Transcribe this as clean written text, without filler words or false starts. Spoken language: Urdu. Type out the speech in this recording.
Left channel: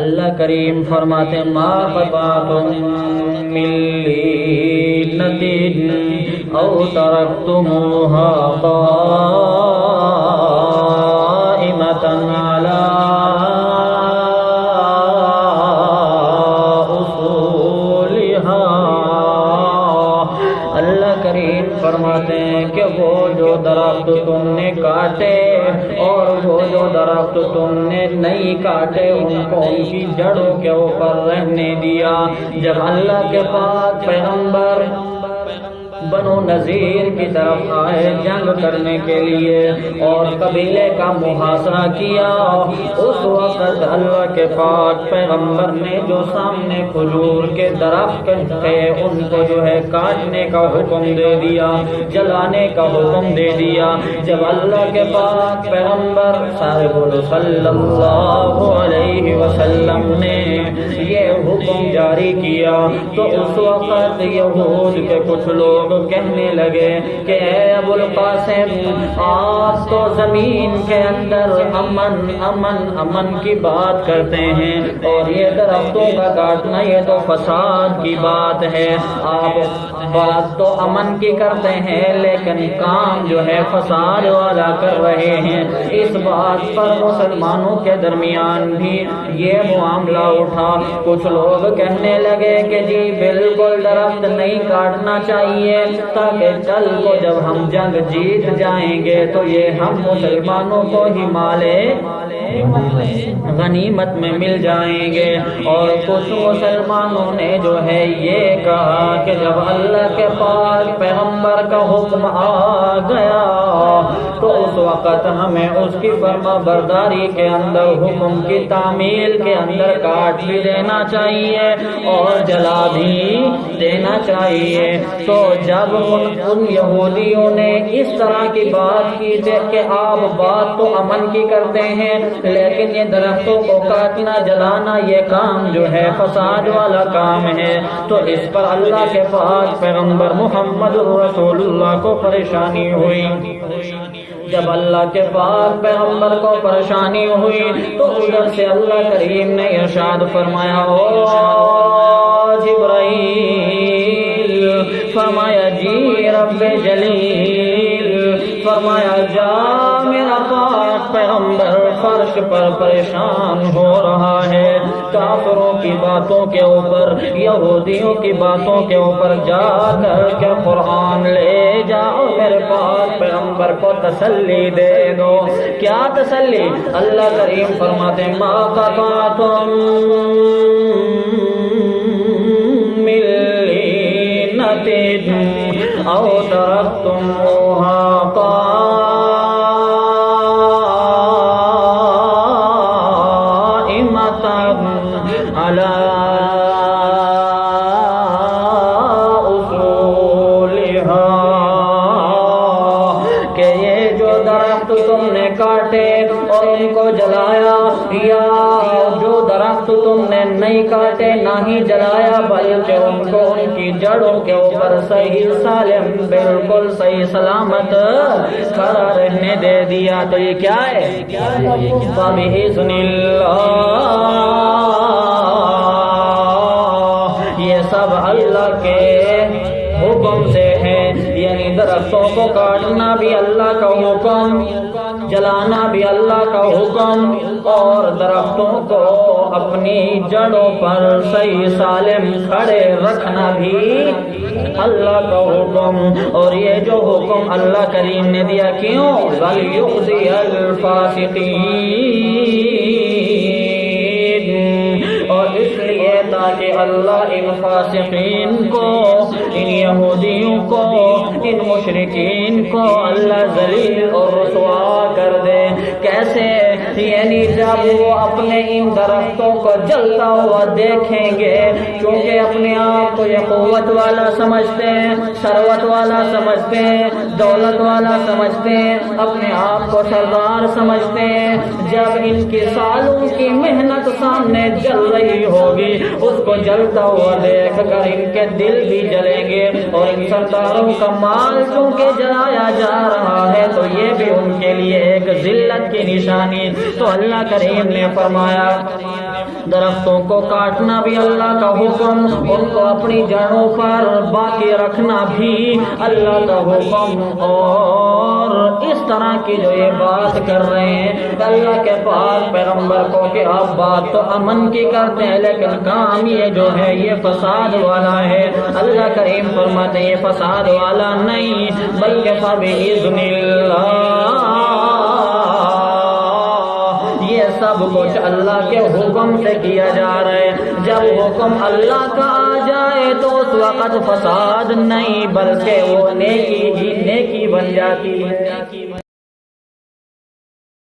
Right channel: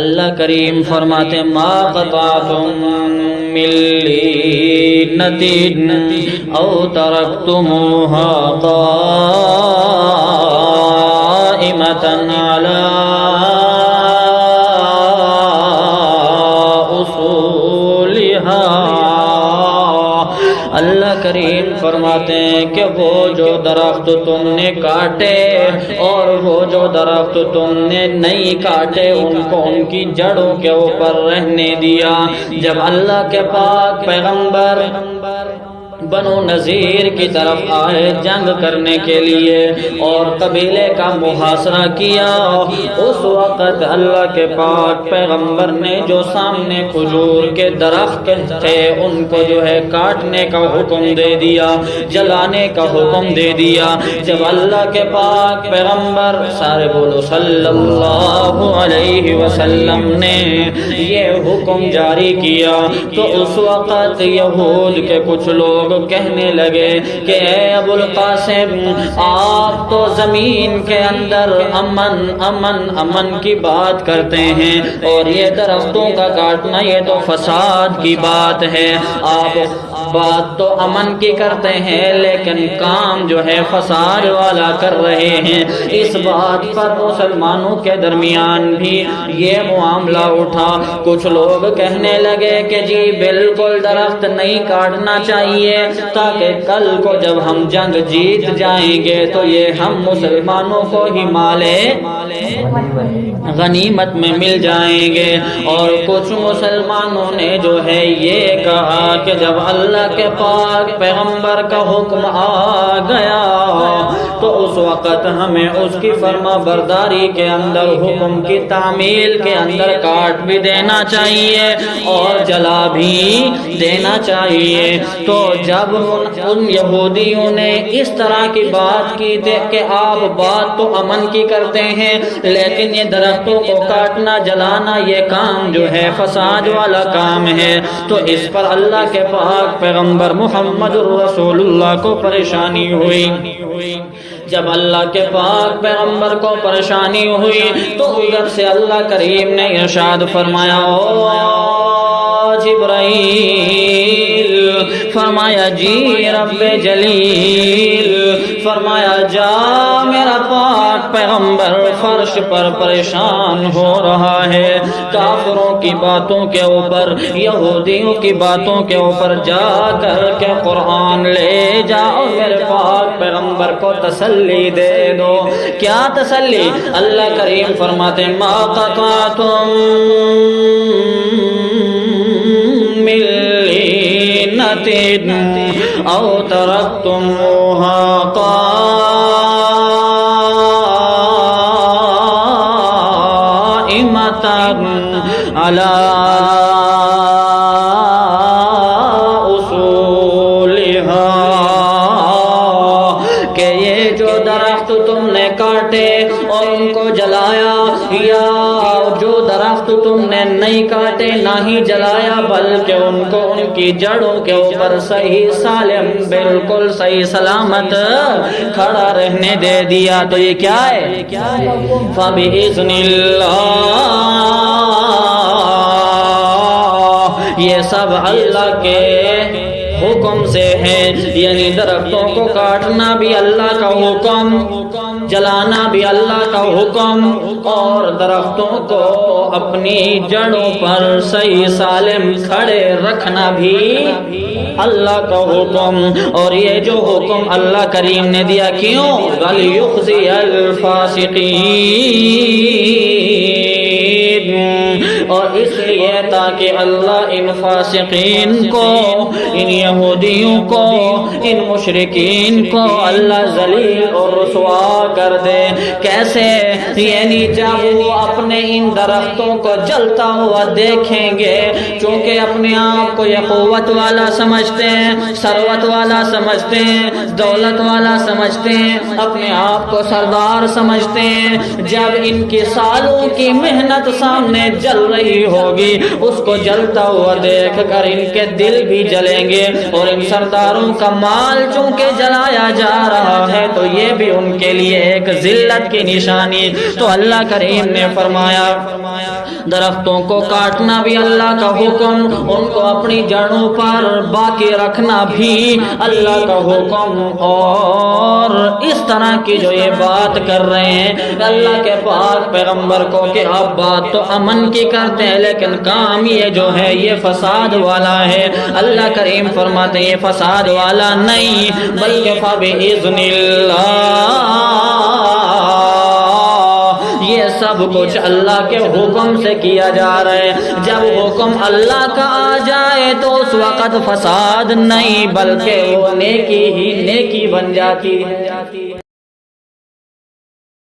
اللہ کریم فرماتے ہیں ما قطعتم من لینۃ او ترکتموها قائمۃ علی اصولها۔ اللہ کریم فرماتے ہیں کہ وہ جو درخت تم نے کاٹے اور وہ جو درخت تم نے نہیں کاٹے ان کو ان کی جڑوں کے اوپر رہنے دیا۔ جب اللہ کے پاک پیغمبر بنو نذیر کی طرف آئے جنگ کرنے کے لیے اور قبیلے کا محاصرہ کیا، اس وقت اللہ کے پاک پیغمبر نے جو سامنے کھجور کے درخت تھے ان کو جو ہے کاٹنے کا حکم دے دیا، جلانے کا حکم دے دیا۔ جب اللہ کے پاک پیغمبر سارے بولو صلی اللہ علیہ وسلم نے یہ حکم جاری کیا تو اس وقت یہود کے کچھ لوگ کہنے لگے کہ اے ابو القاسم، آپ تو زمین کے اندر امن امن امن کی بات کرتے ہیں اور یہ درختوں کا کاٹنا یہ تو فساد کی بات ہے۔ آپ بات تو امن کی کرتے ہیں لیکن کام جو ہے فساد والا کر رہے ہیں۔ اس بات پر مسلمانوں کے درمیان بھی یہ معاملہ اٹھا۔ کچھ لوگ کہنے لگے کہ جی بالکل درخت نہیں کاٹنا چاہیے تاکہ کل کو جب ہم جنگ جیت جائیں گے تو یہ ہم مسلمانوں کو ہی مالے غنیمت میں مل جائیں گے۔ اور کچھ مسلمانوں نے جو ہے یہ کہا کہ جب اللہ کے پاک پیغمبر کا حکم آ گیا تو اس وقت ہمیں اس کی فرما برداری کے اندر حکم کی تعمیل کے اندر کاٹ بھی دینا چاہیے اور جلا بھی دینا چاہیے۔ تو جب ان یہودیوں نے اس طرح کی بات کی تھی کہ آپ بات تو امن کی کرتے ہیں لیکن یہ درختوں کو کاٹنا جلانا یہ کام جو ہے فساد والا کام ہے، تو اس پر اللہ کے پاک پیغمبر محمد رسول اللہ کو پریشانی ہوئی۔ جب اللہ کے پاک پیغمبر کو پریشانی ہوئی تو ادھر سے اللہ کریم نے ارشاد فرمایا او جبرائیل، فرمایا جی رب جلیل، فرمایا جا میرا پاک پیغمبر فرش پر پریشان ہو رہا ہے، کافروں کی باتوں کے اوپر یہودیوں کی باتوں کے اوپر جا کر کے قرآن لے جاؤ، میرے پاک پیغمبر کو تسلی دے دو۔ کیا تسلی؟ اللہ کریم فرماتے ہیں ما قطعتم من لینۃ او ترکتموها قائمۃ علی اصولها، کہ یہ جو درخت تم نے کاٹے اور ان کو جلایا، یا جو درخت تم نے نہیں کاٹے نہ ہی جلایا بلکہ ان کو ان کی جڑوں کے اوپر صحیح سالم بالکل صحیح سلامت کھڑا رہنے دے دیا، تو یہ کیا ہے؟ فَبِإِذْنِ اللَّهِ، یہ سب اللہ کے حکم سے ہے، یعنی درختوں کو کاٹنا بھی اللہ کا حکم، جلانا بھی اللہ کا حکم اور درختوں کو اپنی جڑوں پر صحیح سالم کھڑے رکھنا بھی اللہ کا حکم۔ اور یہ جو حکم اللہ کریم نے دیا کیوں؟ وَلْيُخْزِيَ الْفَاسِقِينَ، اور اس لیے تاکہ اللہ ان فاسقین کو، ان یہودیوں کو، ان مشرکین کو اللہ ذلیل اور رسوا کر دے۔ کیسے؟ یعنی جب وہ اپنے ان درختوں کو جلتا ہوا دیکھیں گے، چونکہ اپنے آپ کو یہ قوت والا سمجھتے ہیں، ثروت والا سمجھتے ہیں، دولت والا سمجھتے ہیں، اپنے آپ کو سردار سمجھتے ہیں، جب ان کی سالوں کی محنت سامنے جل رہی ہوگی اس کو جلتا ہوا دیکھ کر ان کے دل بھی جلیں گے، اور ان سرداروں کا مال چونکہ جلایا جا رہا ہے تو یہ بھی ان کے لیے ایک ذلت کی نشانی۔ تو اللہ کریم نے فرمایا درختوں کو کاٹنا بھی اللہ کا حکم، ان کو اپنی جڑوں پر باقی رکھنا بھی اللہ کا حکم۔ اور اس طرح کی جو یہ بات کر رہے ہیں اللہ کے پاک پیغمبر کو کہ آپ بات تو امن کی کرتے ہیں لیکن کام یہ جو ہے یہ فساد والا ہے، اللہ کریم فرماتے ہیں یہ فساد والا نہیں بلکہ فبإذن اللہ، یہ سب کچھ اللہ کے حکم سے کیا جا رہا ہے۔ جب حکم اللہ کا آ جائے تو اس وقت فساد نہیں بلکہ وہ نیکی ہی نیکی بن جاتی ہے۔